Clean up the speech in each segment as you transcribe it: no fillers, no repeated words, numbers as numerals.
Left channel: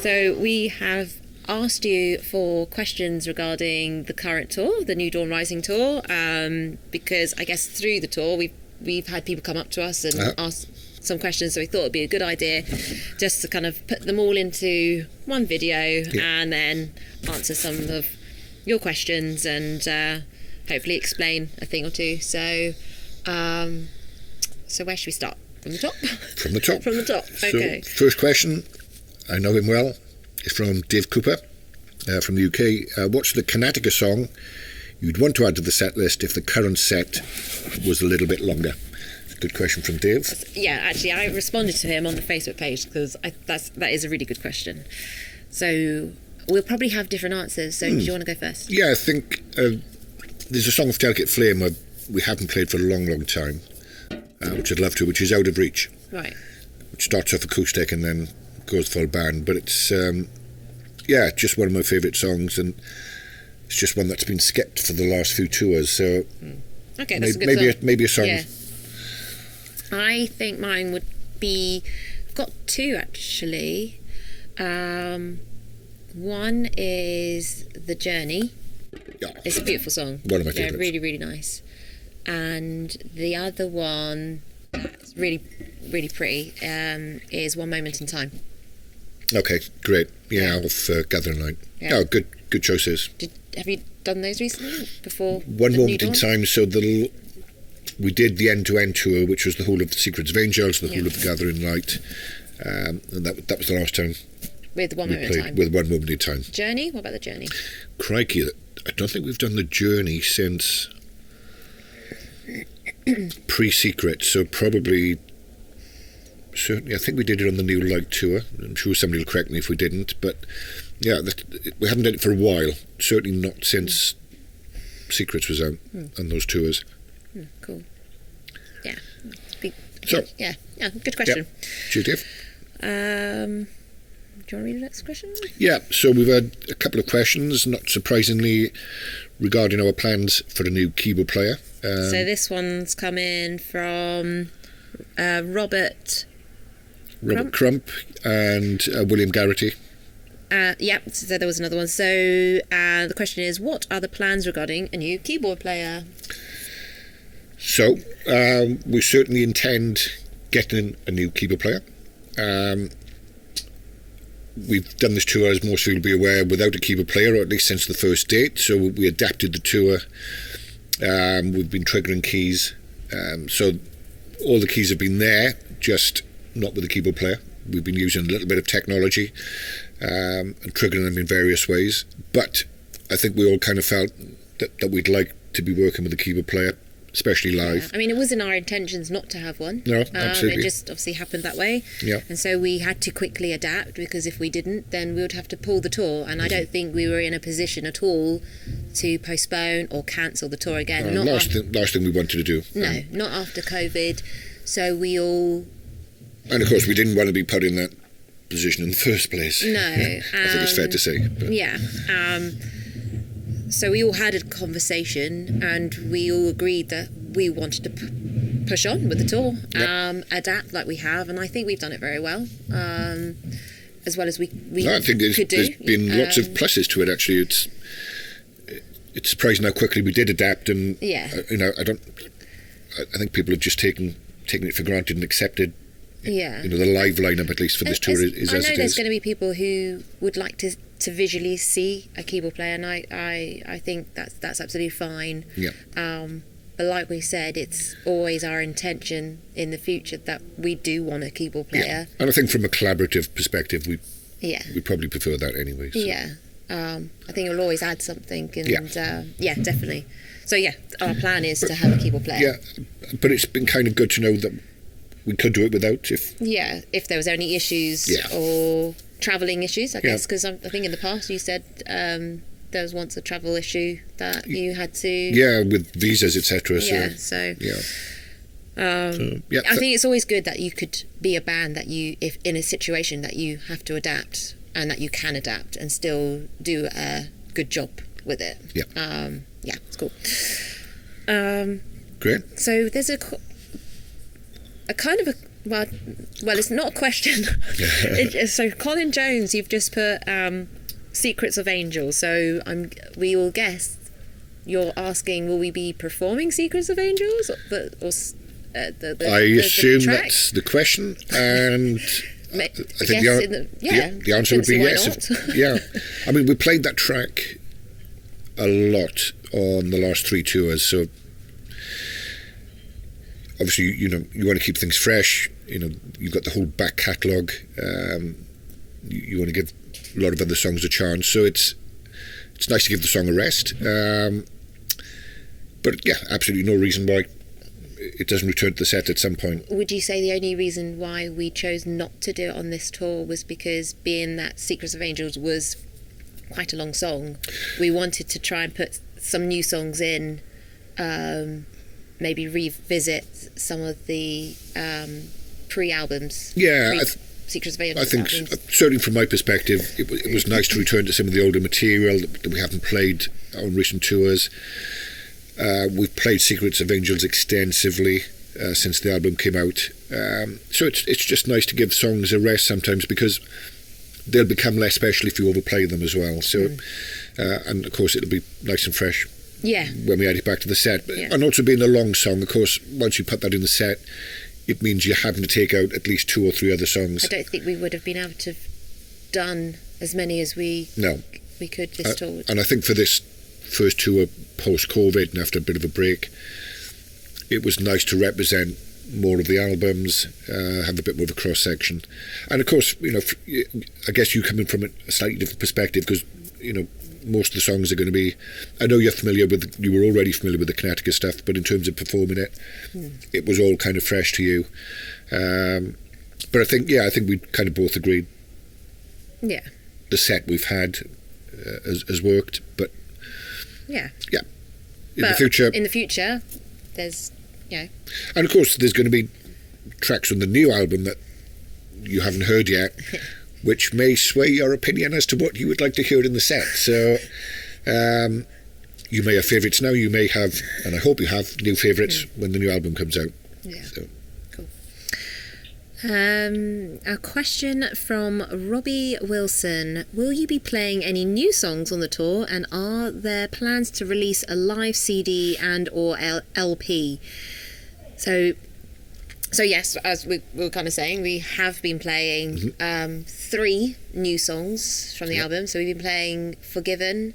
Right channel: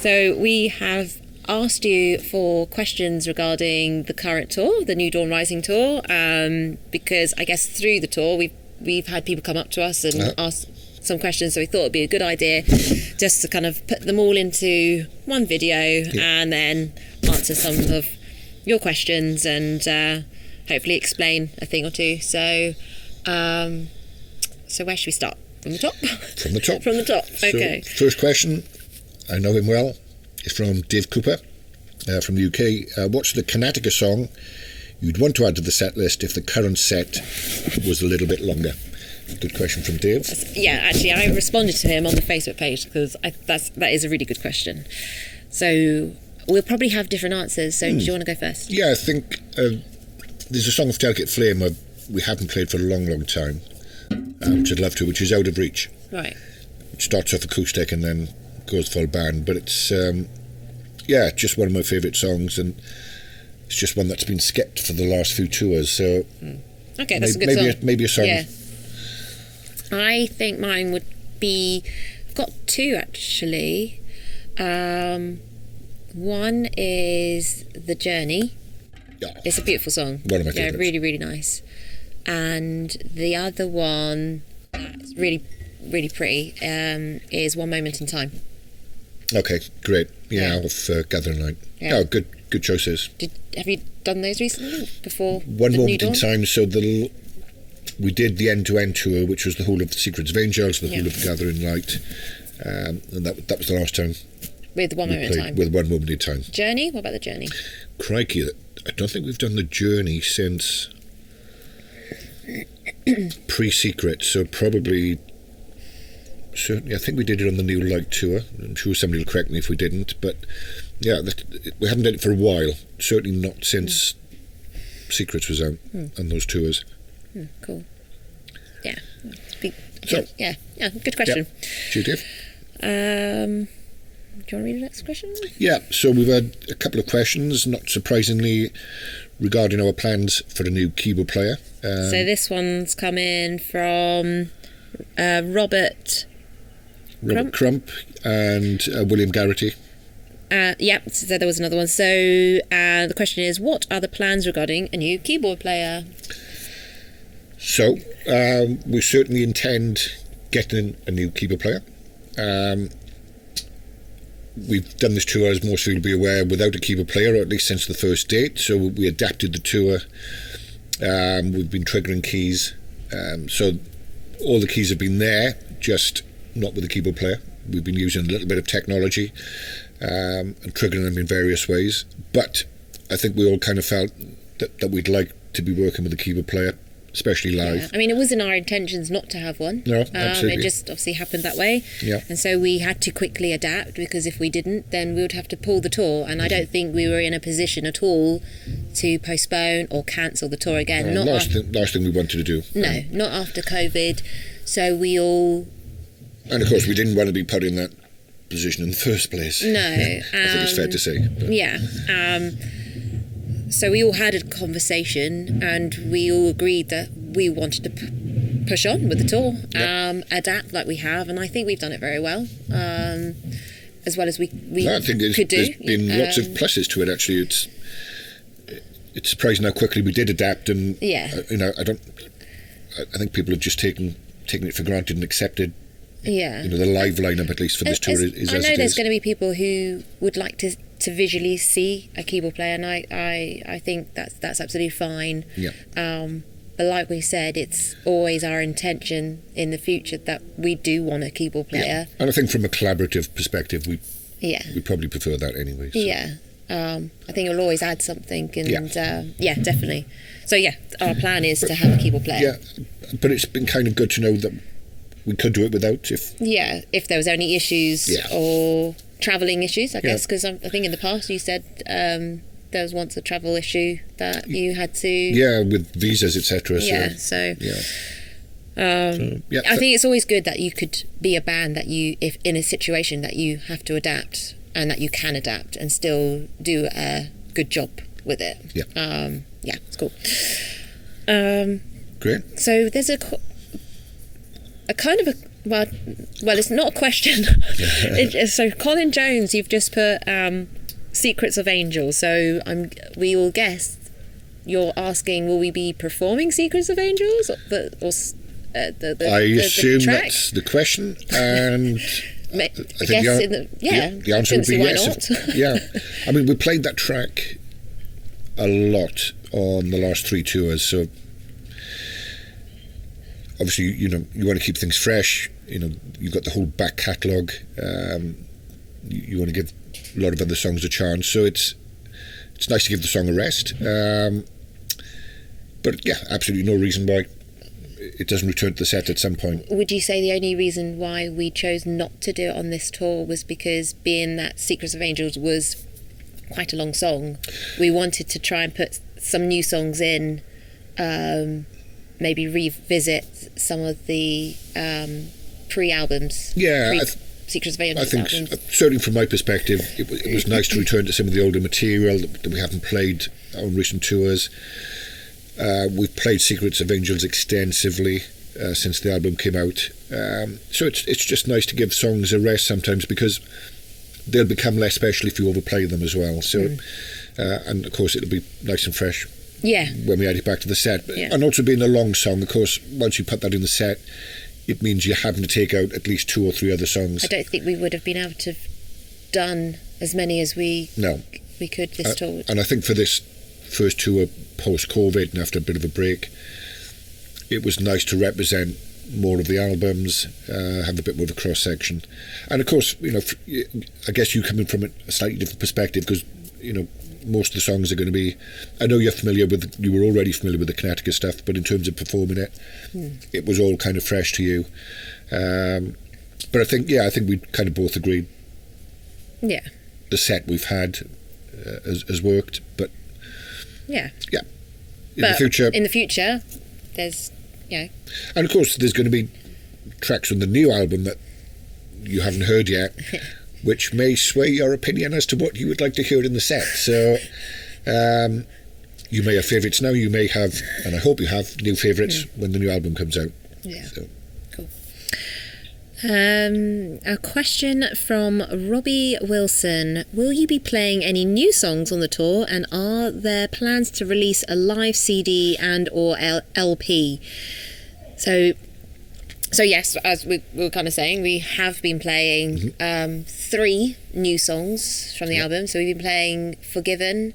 So we have asked you for questions regarding the current tour, the New Dawn Rising tour, because I guess through the tour we've had people come up to us and ask some questions, so we thought it'd be a good idea just to kind of put them all into one video and then answer some of your questions and hopefully explain a thing or two. So where should we start? From the top? From the top. From the top, okay. So, first question, I know him well, is from Dave Cooper from the UK. What's the Karnataka song you'd want to add to the set list if the current set was a little bit longer? Good question from Dave. Yeah, actually, I responded to him on the Facebook page because that is a really good question. So we'll probably have different answers. So do you want to go first? Yeah, I think there's a song of Delicate Flame we haven't played for a long, long time, which I'd love to, which is Out of Reach. Right. Which starts off acoustic and then goes full band. But it's, just one of my favourite songs, and it's just one that's been skipped for the last few tours. So okay, that's a good song. Maybe a song. Yeah. I think mine would be, I've got two actually. One is The Journey. Yeah. It's a beautiful song. One of my favourites. Yeah, really, really nice. And the other one that's really, really pretty is One Moment in Time. Okay, great. Yeah, off Gathering Light. Yeah. Oh, good choices. Have you done those recently? Before One the Moment New in Dawn? Time, so we did the end-to-end tour, which was the whole of the Secrets of Angels, the whole of the Gathering Light, and that was the last time With One we Moment in played Time. with One Moment in Time. Journey? What about The Journey? Crikey, I don't think we've done The Journey since pre-Secret, so probably, certainly, I think we did it on the New Light tour. I'm sure somebody will correct me if we didn't, but yeah, we haven't done it for a while, certainly not since Secrets was out on those tours. Cool. Yeah. So, yeah, good question. Cheers, Dave. Do you want to read the next question? Yeah, so we've had a couple of questions, not surprisingly, regarding our plans for a new keyboard player. So this one's come in from Robert Crump and William Garrity. So there was another one. So the question is, what are the plans regarding a new keyboard player? So we certainly intend getting a new keyboard player. We've done this tour, as most of you will be aware, without a keyboard player, or at least since the first date. So we adapted the tour. We've been triggering keys. So all the keys have been there, just not with a keyboard player. We've been using a little bit of technology and triggering them in various ways. But I think we all kind of felt that we'd like to be working with a keyboard player, especially live. Yeah. I mean, it wasn't our intentions not to have one. No, absolutely. It just obviously happened that way. Yeah. And so we had to quickly adapt, because if we didn't, then we would have to pull the tour. And I don't think we were in a position at all to postpone or cancel the tour again. Last thing we wanted to do. No, not after COVID. So we all... And of course, we didn't want to be put in that position in the first place. No. I think it's fair to say. But. Yeah. So we all had a conversation, and we all agreed that we wanted to push on with the tour, adapt like we have, and I think we've done it very well, as well as we I think could do. There's been lots of pluses to it. Actually, it's surprising how quickly we did adapt, and I think people have just taken it for granted and accepted. Yeah. The live lineup, at least for this tour, is as it is. I know there's going to be people who would like to visually see a keyboard player, and I think that's absolutely fine. Yeah. But like we said, it's always our intention in the future that we do want a keyboard player. Yeah. And I think from a collaborative perspective, we probably prefer that anyway. So. Yeah. I think it'll always add something, and definitely. So our plan is to have a keyboard player. Yeah, but it's been kind of good to know that we could do it without if there was any issues or travelling issues, I guess, because I think in the past you said there was once a travel issue that you had to with visas, etc. I think it's always good that you could be a band that if in a situation that you have to adapt, and that you can adapt and still do a good job with it. It's cool. Great. So there's a kind of Well, it's not a question. So Colin Jones, you've just put Secrets of Angels. So we will guess you're asking, will we be performing Secrets of Angels? I assume that's the question, and I think the answer would be yes. Yeah, I mean, we played that track a lot on the last 3 tours, so obviously, you want to keep things fresh. You've got the whole back catalogue. You want to give a lot of other songs a chance, so it's nice to give the song a rest. But yeah, absolutely no reason why it doesn't return to the set at some point. Would you say the only reason why we chose not to do it on this tour was because, being that Secrets of Angels was quite a long song, we wanted to try and put some new songs in, maybe revisit some of the pre-albums. Yeah, Secrets of Angels. I think albums. Certainly from my perspective, it was nice to return to some of the older material that we haven't played on recent tours. We've played Secrets of Angels extensively since the album came out, so it's just nice to give songs a rest sometimes, because they'll become less special if you overplay them as well. So, and of course it'll be nice and fresh. Yeah. When we add it back to the set, and also being a long song, of course, once you put that in the set, it means you're having to take out at least 2 or 3 other songs. I don't think we would have been able to have done as many as we could this tour. And I think for this first tour post-COVID and after a bit of a break, it was nice to represent more of the albums, have a bit more of a cross-section. And of course, I guess you come in from a slightly different perspective, because, most of the songs are going to be, I know you were already familiar with the KARNATAKA stuff, but in terms of performing it, it was all kind of fresh to you. But I think we kind of both agreed. Yeah. The set we've had has worked, but in the future, there's and of course there's going to be tracks on the new album that you haven't heard yet, which may sway your opinion as to what you would like to hear in the set. So you may have favourites now, you may have, and I hope you have, new favourites when the new album comes out. Yeah. So. Cool. A question from Robbie Wilson. Will you be playing any new songs on the tour, and are there plans to release a live CD and or LP? So yes, as we were kind of saying, we have been playing 3 new songs from the album. So we've been playing Forgiven,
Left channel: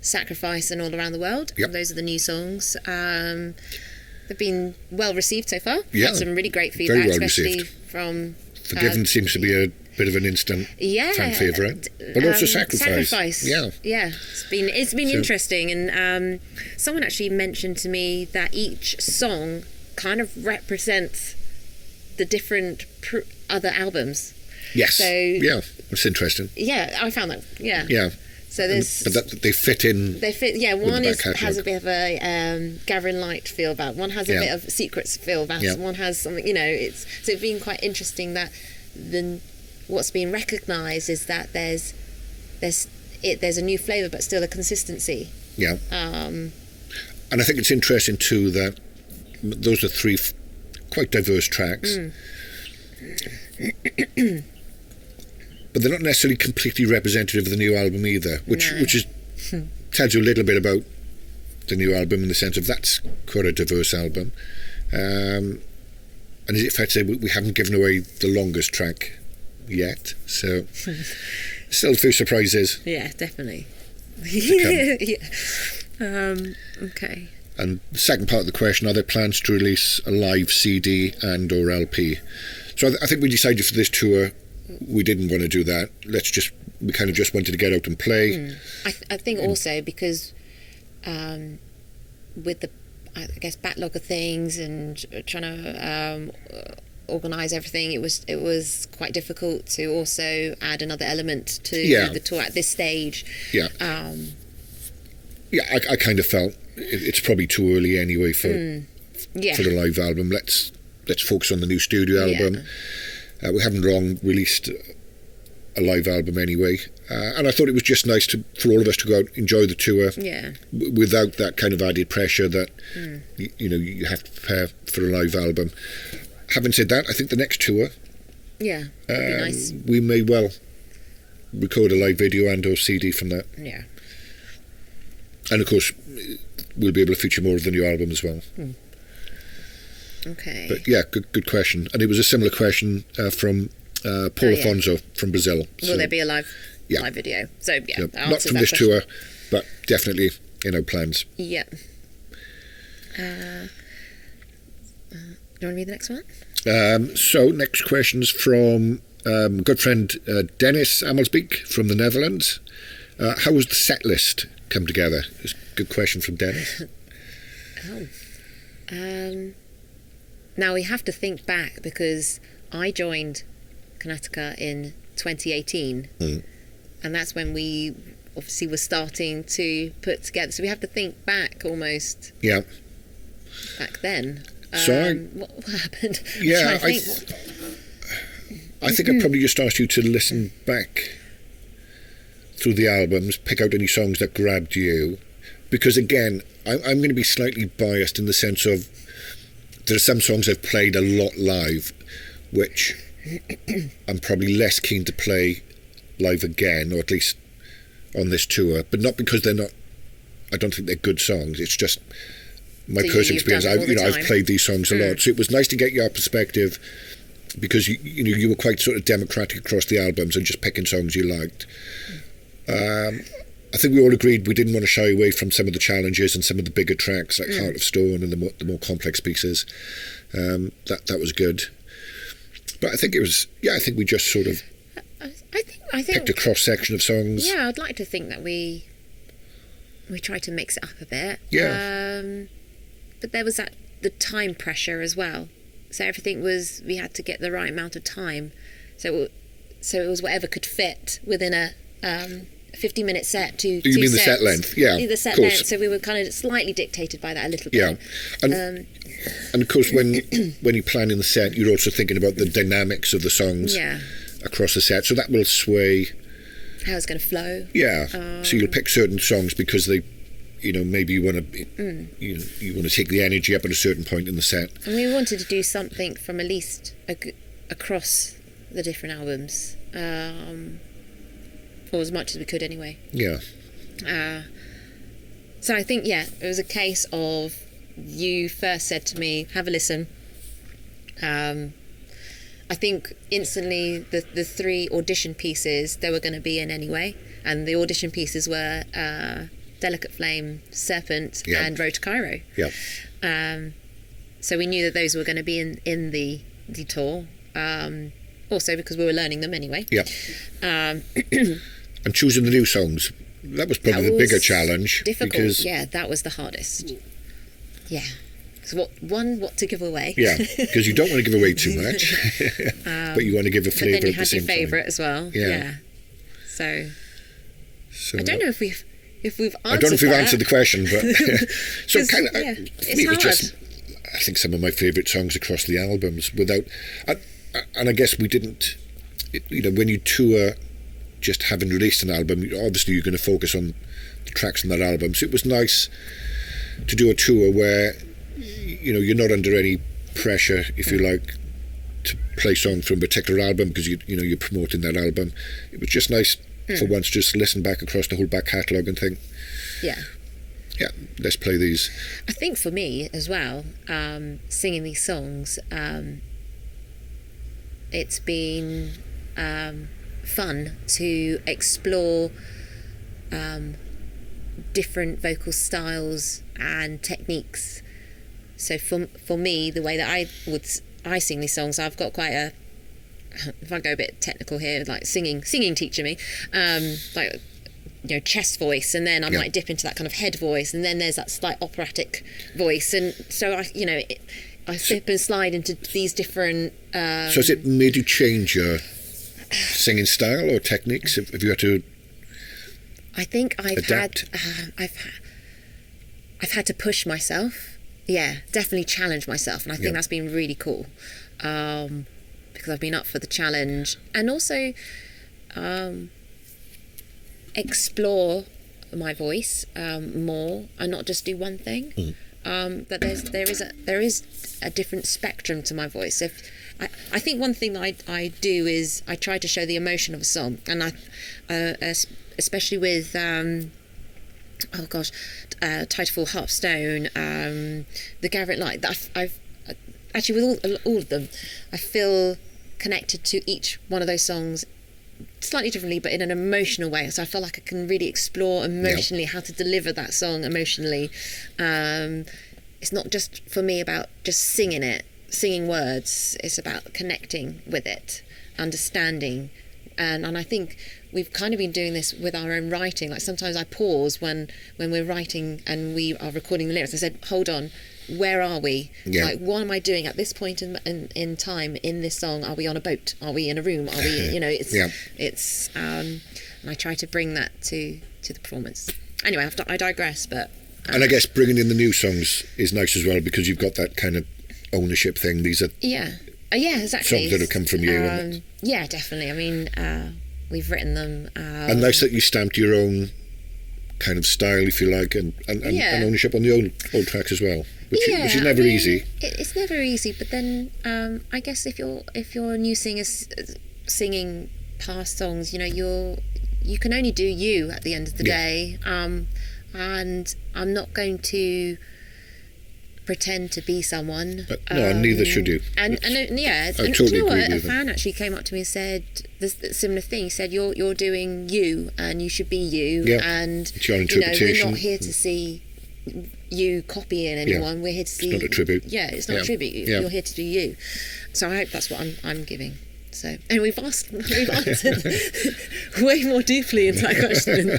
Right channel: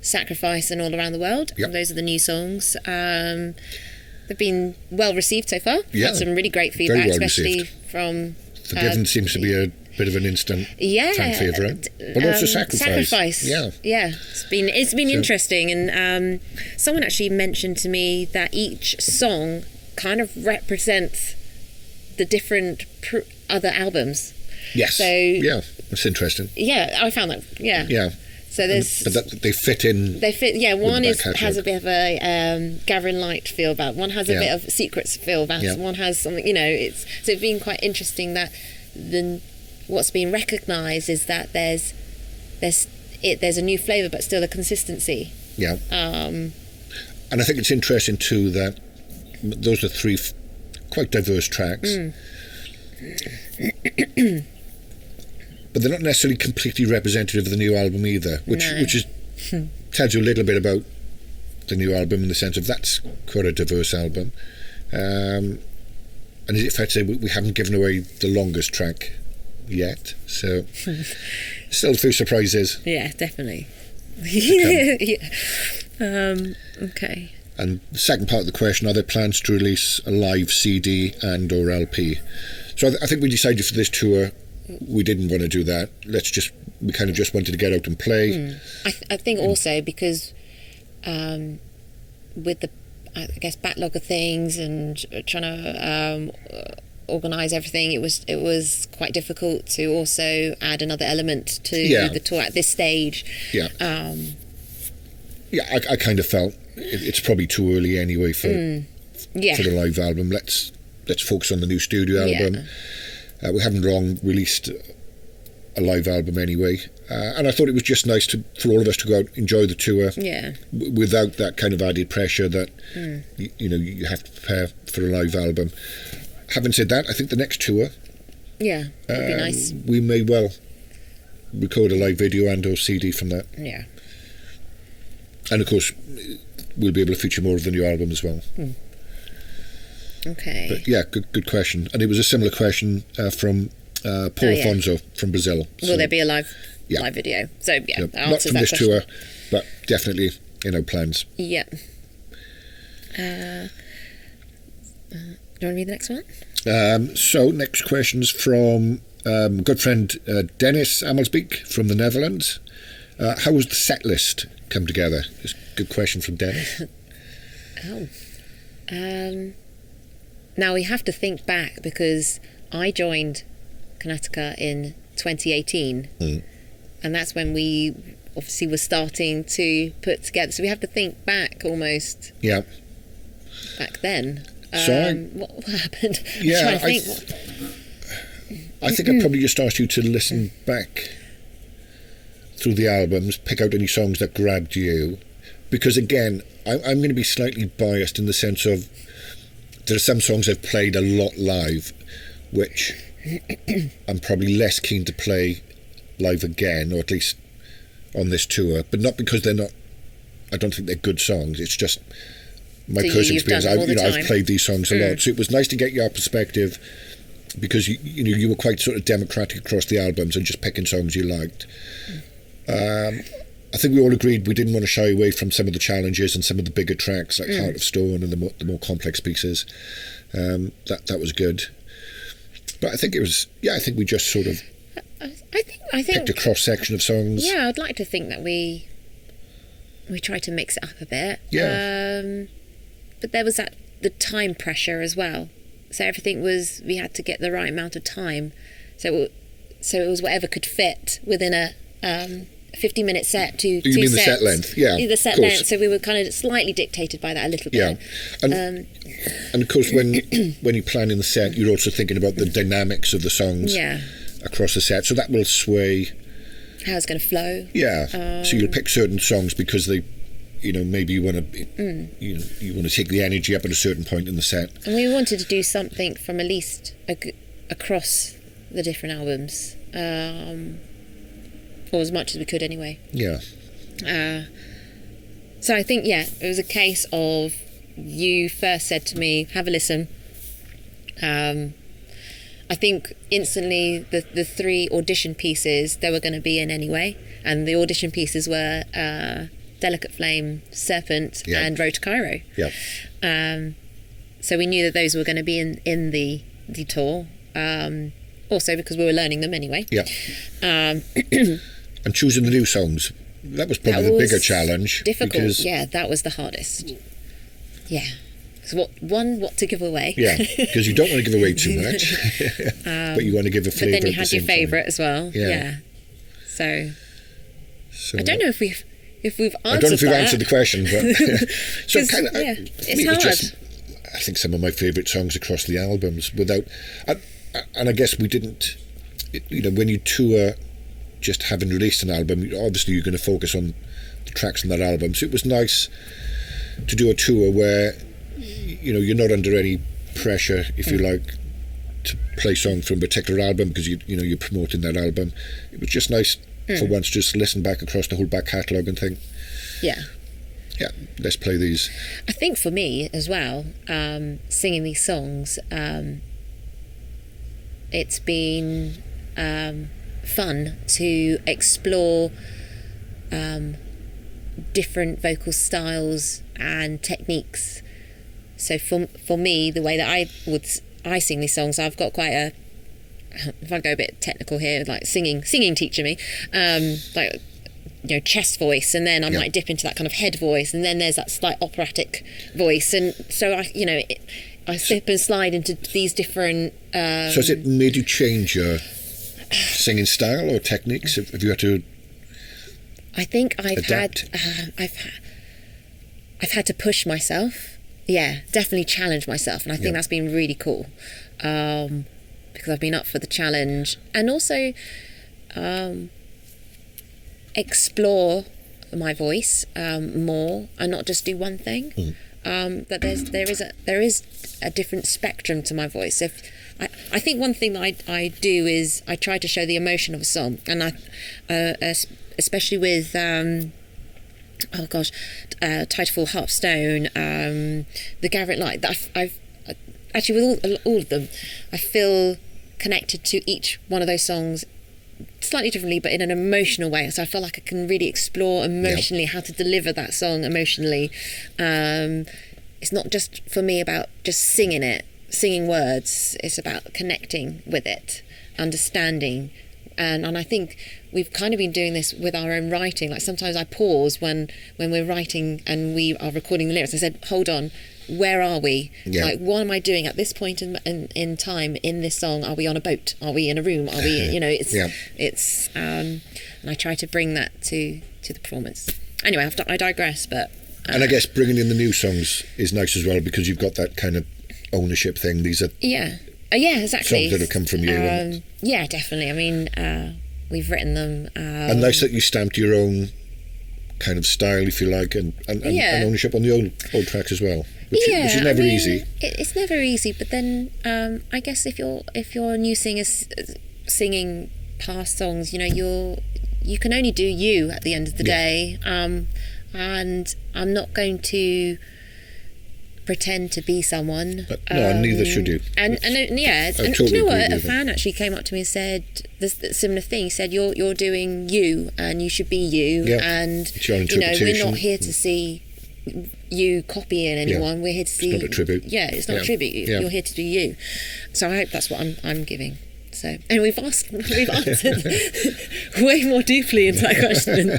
Sacrifice and All Around the World. Yep. And those are the new songs. They've been well received so far. Yeah, had some really great feedback, very well especially received. From Forgiven seems to be a bit of an instant fan favourite, but also Sacrifice. Yeah, it's been interesting, and someone actually mentioned to me that each song kind of represents the different other albums. Yes. So that's interesting. Yeah, I found that. Yeah. Yeah. So there's, but that they fit in. They fit. Yeah, one has a bit of a Gathering Light feel about it. One has a bit of Secrets feel about it. One has something. It's been quite interesting that what's being recognised is that there's a new flavour, but still a consistency. Yeah. And I think it's interesting too that those are 3 quite diverse tracks. But they're not necessarily completely representative of the new album either, which is tells you a little bit about the new album in the sense of that's quite a diverse album. And is it fair to say we haven't given away the longest track yet? So still a few surprises. Yeah, definitely. Okay. And the second part of the question, are there plans to release a live CD and or LP? So I think we decided for this tour we didn't want to do that. We kind of just wanted to get out and play. I think also because with the backlog of things and trying to organise everything, it was quite difficult to also add another element to the tour at this stage. I kind of felt it's probably too early anyway for the live album. Let's focus on the new studio album. We haven't long released a live album anyway, and I thought it was just nice for all of us to go out, enjoy the tour without that kind of added pressure that you have to prepare for a live album. having said that, I think the next tour, Yeah, that'd be nice. we may well record a live video and or CD from that. Yeah. And of course, we'll be able to feature more of the new album as well. Okay. But yeah, good question. And it was a similar question from Paul Afonso from Brazil. Will there be a live video? So yeah, not from this tour, but definitely plans. Yeah. Do you want to read the next one? So next question's from good friend Dennis Amelsbeek from the Netherlands. How was the set list come together? It's a good question from Dennis. Now we have to think back, because I joined KARNATAKA in 2018, and that's when we obviously were starting to put together. So we have to think back almost. Yeah. Back then. So what happened? Yeah, I think I probably just asked you to listen back through the albums, pick out any songs that grabbed you, because again, I'm going to be slightly biased in the sense of there are some songs I've played a lot live, which I'm probably less keen to play live again, or at least on this tour, but not because they're not. I don't think they're good songs. It's just my personal experience. I've played these songs a lot, so it was nice to get your perspective, because you were quite sort of democratic across the albums and just picking songs you liked. I think we all agreed we didn't want to shy away from some of the challenges and some of the bigger tracks like Heart of Stone and the more complex pieces. That was good. But I think it was, I think we just sort of I think picked a cross section of songs. Yeah, I'd like to think that we tried to mix it up a bit. Yeah. But there was the time pressure as well. So everything we had to get the right amount of time. So it was whatever could fit within a 50-minute set. You mean the set length? Yeah, the set length. So we were kind of slightly dictated by that a little bit. Yeah, and of course when you're planning the set, you're also thinking about the dynamics of the songs across the set. So that will sway how it's going to flow. Yeah. So you'll pick certain songs because they, maybe you want to, you want to take the energy up at a certain point in the set. And we wanted to do something from at least across the different albums. Or as much as we could anyway. Yeah. So I think, it was a case of you first said to me, have a listen. I think instantly the 3 audition pieces, they were going to be in anyway. And the audition pieces were Delicate Flame, Serpent, and Road to Cairo. Yeah. So we knew that those were going to be in the tour. Also because we were learning them anyway. Yeah. And choosing the new songs, that was probably the bigger challenge. Difficult, because that was the hardest. Yeah. So what to give away? Yeah, because you don't want to give away too much, but you want to give a flavour at the same time. But then you had your favourite as well. Yeah. So I don't know if we've answered I don't know if we've answered the question, but so kind of it was just, I think, some of my favourite songs across the albums. And I guess we didn't, when you tour, just having released an album, obviously you're going to focus on the tracks on that album. So it was nice to do a tour where, you're not under any pressure, if you like, to play songs from a particular album because you're promoting that album. It was just nice for once just listen back across the whole back catalogue and think, let's play these. I think for me as well, singing these songs, it's been fun to explore different vocal styles and techniques. So for me, the way that I sing these songs, I've got quite a, if I go a bit technical here, like singing teacher me, like chest voice, and then I might dip into that kind of head voice, and then there's that slight operatic voice, and so I slip and slide into these different. So has it made you change your singing style or techniques? Have you had to? I think I've had to push myself. Yeah, definitely challenge myself, and I think that's been really cool because I've been up for the challenge, and also explore my voice more and not just do one thing. That there is a different spectrum to my voice. So I think one thing that I do is I try to show the emotion of a song, and especially with Titanfall, Hearthstone, the Gathering Light. I've actually with all of them, I feel connected to each one of those songs slightly differently, but in an emotional way. So I feel like I can really explore emotionally how to deliver that song emotionally. It's not just for me about just singing words. It's about connecting with it, understanding, and I think we've kind of been doing this with our own writing. Like sometimes I pause when we're writing and we are recording the lyrics. I said, hold on, where are we? Like, what am I doing at this point in time in this song? Are we on a boat? Are we in a room? Are we, it's and I try to bring that to the performance. Anyway, I digress, but and I guess bringing in the new songs is nice as well, because you've got that kind of ownership thing. These are exactly songs that have come from you. Yeah, definitely. I mean, we've written them. And nice that you stamped your own kind of style, if you like, and ownership on the old tracks as well, which is never easy. It's never easy, but then I guess if you're a new singer singing past songs, you can only do you at the end of the day, and I'm not going to pretend to be someone. No, neither should you. And I totally agree with a fan actually came up to me and said this similar thing. He said, "You're doing you, and you should be you." And it's your interpretation. We're not here to see you copying anyone. We're here to see. It's not a tribute. Yeah, it's not a tribute. You're here to do you. So I hope that's what I'm giving. So, and we've answered way more deeply into that question.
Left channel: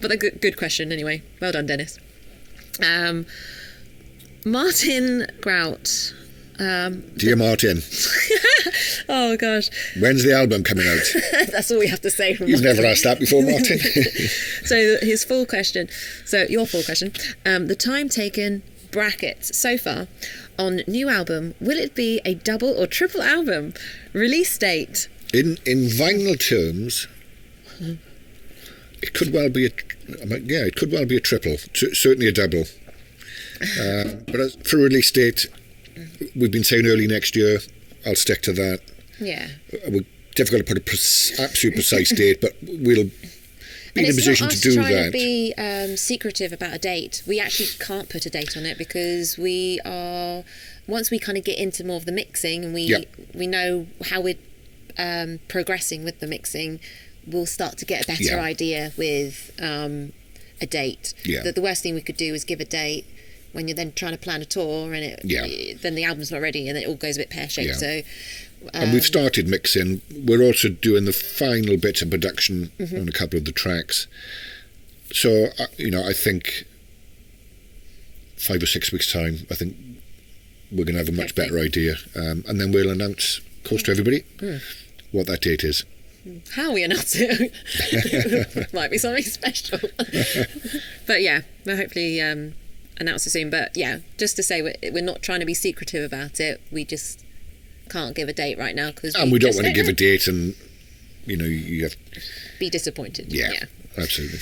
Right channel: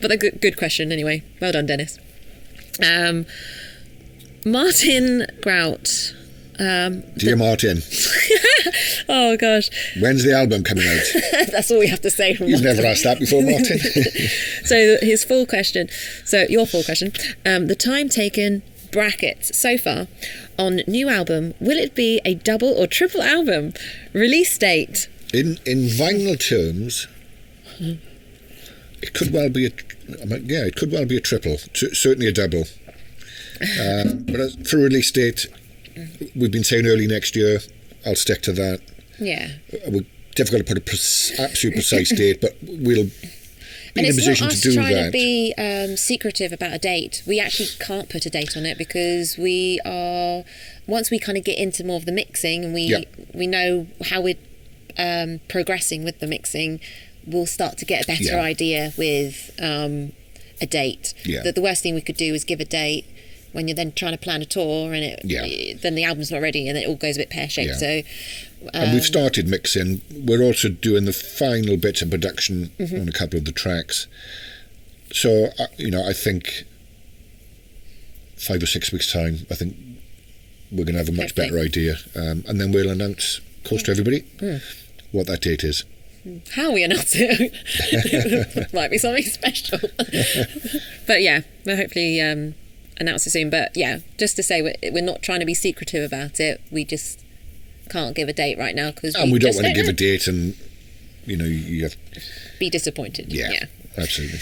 But a good question anyway. Well done, Dennis. Martin Grout. Dear Martin. Oh gosh. When's the album coming out? That's all we have to say from You've never asked that before, Martin. So his full question. So your full question. The time taken brackets so far on new album. Will it be a double or triple album? Release date. In vinyl terms, it could well be a triple. Certainly a double. But for release date, we've been saying early next year. I'll stick to that. Yeah. We're difficult to put a absolute precise date, but we'll be in a position to do that. It's not us trying to be secretive about a date. We actually can't put a date on it because we are. Once we kind of get into more of the mixing and we know how we're progressing with the mixing, we'll start to get a better idea with a date. Yeah. The worst thing we could do is give a date when you're then trying to plan a tour and then the album's not ready and it all goes a bit pear-shaped. Yeah. So, and we've started mixing. We're also doing the final bits of production on a couple of the tracks. So, I think 5 or 6 weeks' time, I think we're going to have a much better idea. And then we'll announce, of course, to everybody what that date is. How we announce it might be something special. But yeah, we'll hopefully announce it soon. But yeah, just to say we're not trying to be secretive about it. We just can't give a date right now and we don't want to give a date and you have be disappointed. Yeah, absolutely.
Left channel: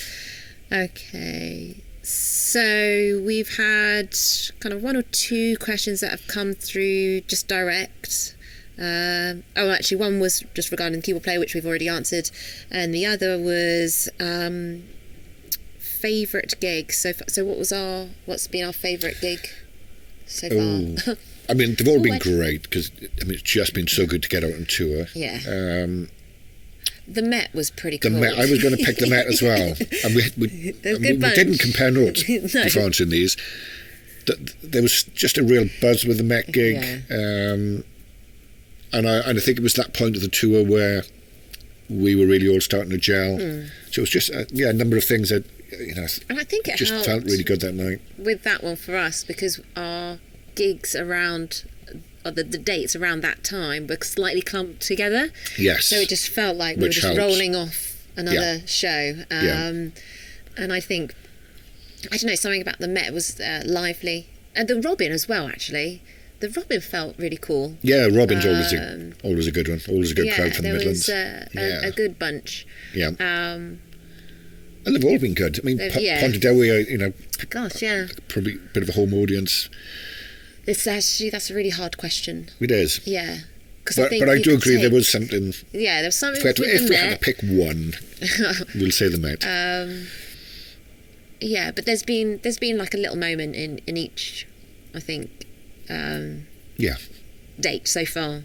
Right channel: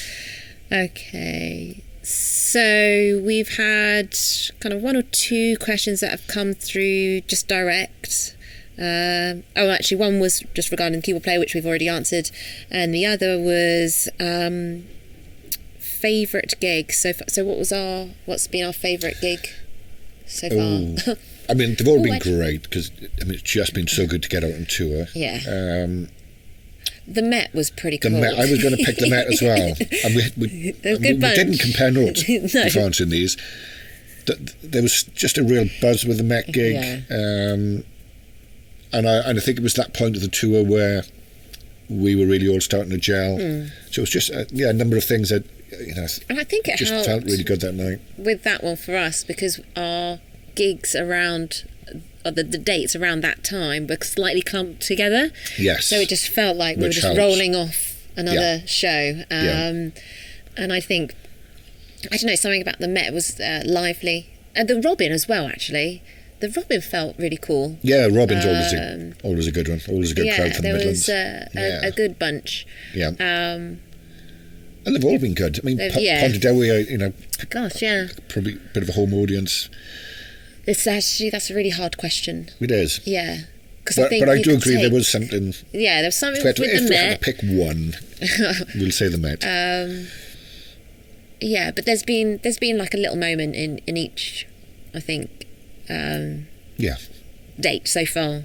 Okay, so we've had kind of 1 or 2 questions that have come through just direct. Actually, one was just regarding the keyboard player, which we've already answered, and the other was favourite gig. So what's been our favourite gig so far? I mean, they've all been great because it's just been so good to get out on tour. Yeah. The Met was pretty cool. The Met, I was going to pick the Met as well. And we didn't compare notes before answering these. There was just a real buzz with the Met gig. Yeah. And I think it was that point of the tour where we were really all starting to gel. So it was just a number of things that and I think it just felt really good that night. With that one for us, because our gigs around the dates around that time were slightly clumped together. Yes. So it just felt like we were just rolling off another show. And I think, I don't know, something about the Met was lively. And the Robin as well, actually. The Robin felt really cool. Yeah, Robin's always a good one. Always a good crowd from the Midlands. There was a good bunch. Yeah. And they've all been good. I mean, Pontardawe, gosh, yeah. probably a bit of a home audience. That's a really hard question. It is. Yeah. But I do agree there was something. Yeah, there was something. If we had to pick one, we'll say the Met. Yeah, but there's been like a little moment in each, I think. Date so far.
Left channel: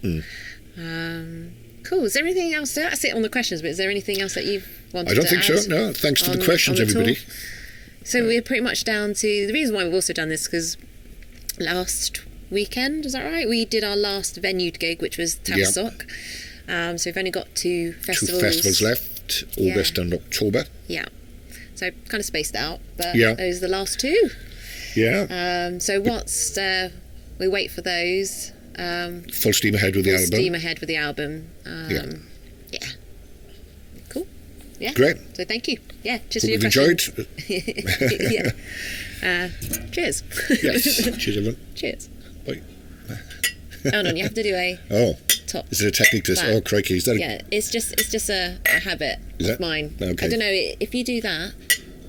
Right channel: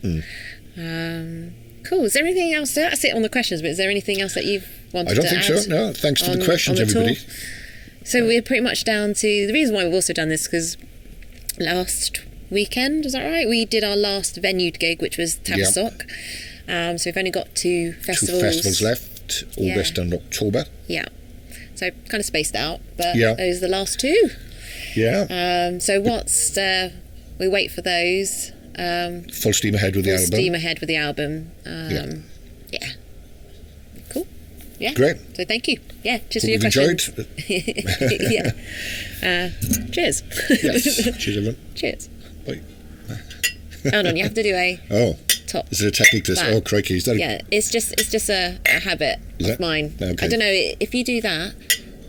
Cool. Is there anything else? That's it on the questions. But is there anything else that you've wanted? I don't to think add so. No. Thanks for the questions, everybody. Tour? So we're pretty much down to the reason why we've also done this because last weekend, is that right? We did our last venue gig, which was Tavistock. So we've only got two festivals left, August and October. Yeah. So kind of spaced out, but those are the last two. Yeah. So what's we wait for those. Full steam ahead with the album. Full steam ahead with the album. Yeah. Cool. Yeah. Great. So thank you. Yeah. Just Hope for your you've questions. enjoyed. Yeah. Cheers. Yes. Cheers, everyone. Cheers. Bye. Hold on, you have to do a top. Is it a technique to? Oh, crikey! Is that? Yeah, it's just a habit of mine. Okay. I don't know if you do that,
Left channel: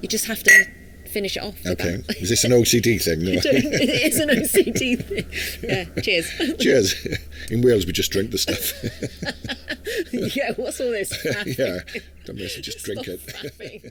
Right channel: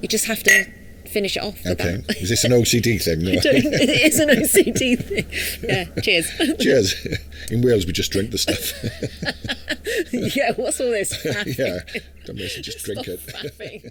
you just have to finish it off. Okay. Is this an OCD thing? No. It is an OCD thing. Yeah. Cheers. Cheers. In Wales, we just drink the stuff. Yeah. What's all this? Yeah. Don't miss it. Just drink Stop it. faffing.